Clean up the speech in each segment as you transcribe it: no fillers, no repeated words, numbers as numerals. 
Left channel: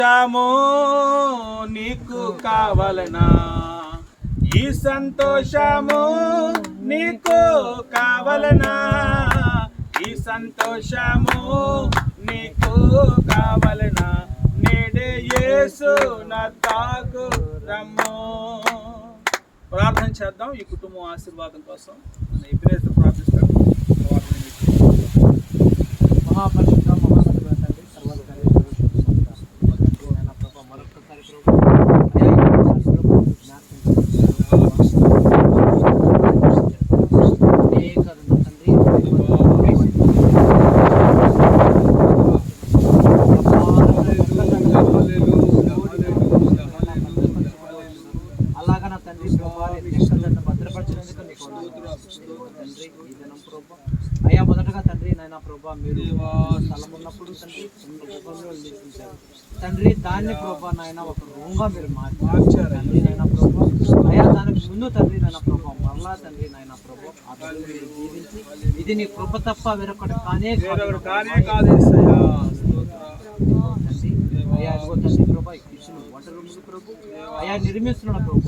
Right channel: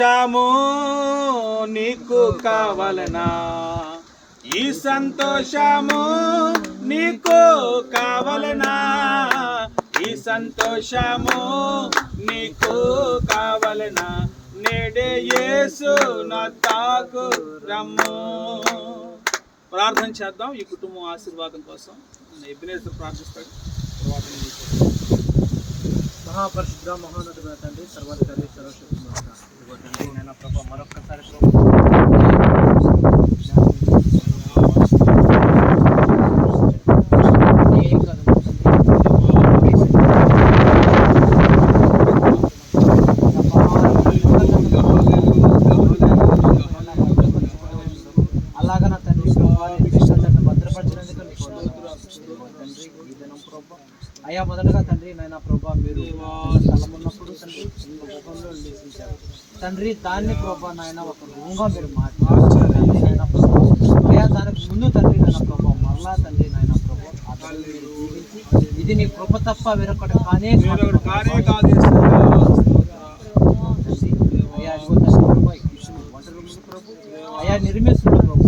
సంతోషము నీకు కావలనా, ఈ సంతోషము నీకు కావలనా, ఈ సంతోషము నీకు కావలనా, నేడే యేసు నా తాకు రమ్ము. ప్రార్థన చేద్దాం ఈ కుటుంబం ఆశీర్వాదం కోసం. ఎబ్రేసు ప్రార్థిస్తాను. మహాపరిశుద్ధ మహానటుడు తండ్రి, సర్వాధికారి నాయన ప్రభా, మరొక్కసారి అలాగా నా తండ్రి భద్రపరిచినందుకు అయ్యా, మొదటగా తండ్రి నాయన ప్రభా, మీరు స్థలం ఉన్నప్పుడు తండ్రి రూపంలో లేచించారు తండ్రి. దాన్ని ప్రభా నాయన ఒక రూమ్గా మీరు మార్చారు నాయన ప్రభా. అయ్యా, దానికి ముందు తండ్రి నాయన ప్రభా మరలా తండ్రి నాయన ప్రభా ఇది నీ కృప తప్ప వేరొకటి కానే కాదు. అయ్యా, ఇదిగో తండ్రి ప్రభా, వంట రూములు ప్రభు అయ్యా నిర్మిస్తున్నాడు ప్రభు,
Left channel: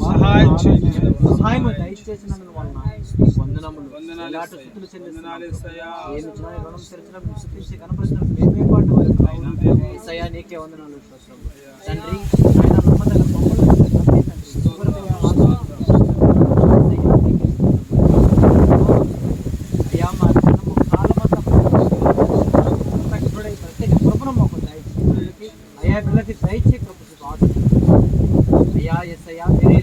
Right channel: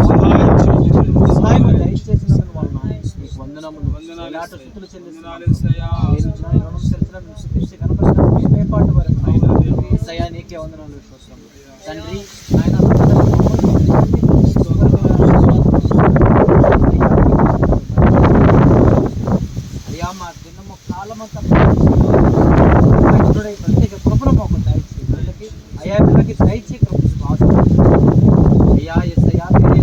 సహాయం దయచేసిన వలన వందనములు స్థుతులు చెల్లిస్తున్నాను. నీకే వందనాలు తండ్రి. అయ్యా, మా దినము కాలమంతా ప్రత్యేక కృపను మాకు దయచేసి అయ్యా పిల్లలకి దయచే కృప అయ్యా. ఎస్ అయ్యా, మీరే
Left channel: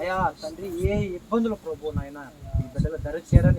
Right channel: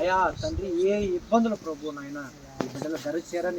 అయ్యా తండ్రి, ఏ ఇబ్బందులు ప్రభు నాయన ఈ బిడ్డల ధర చేరని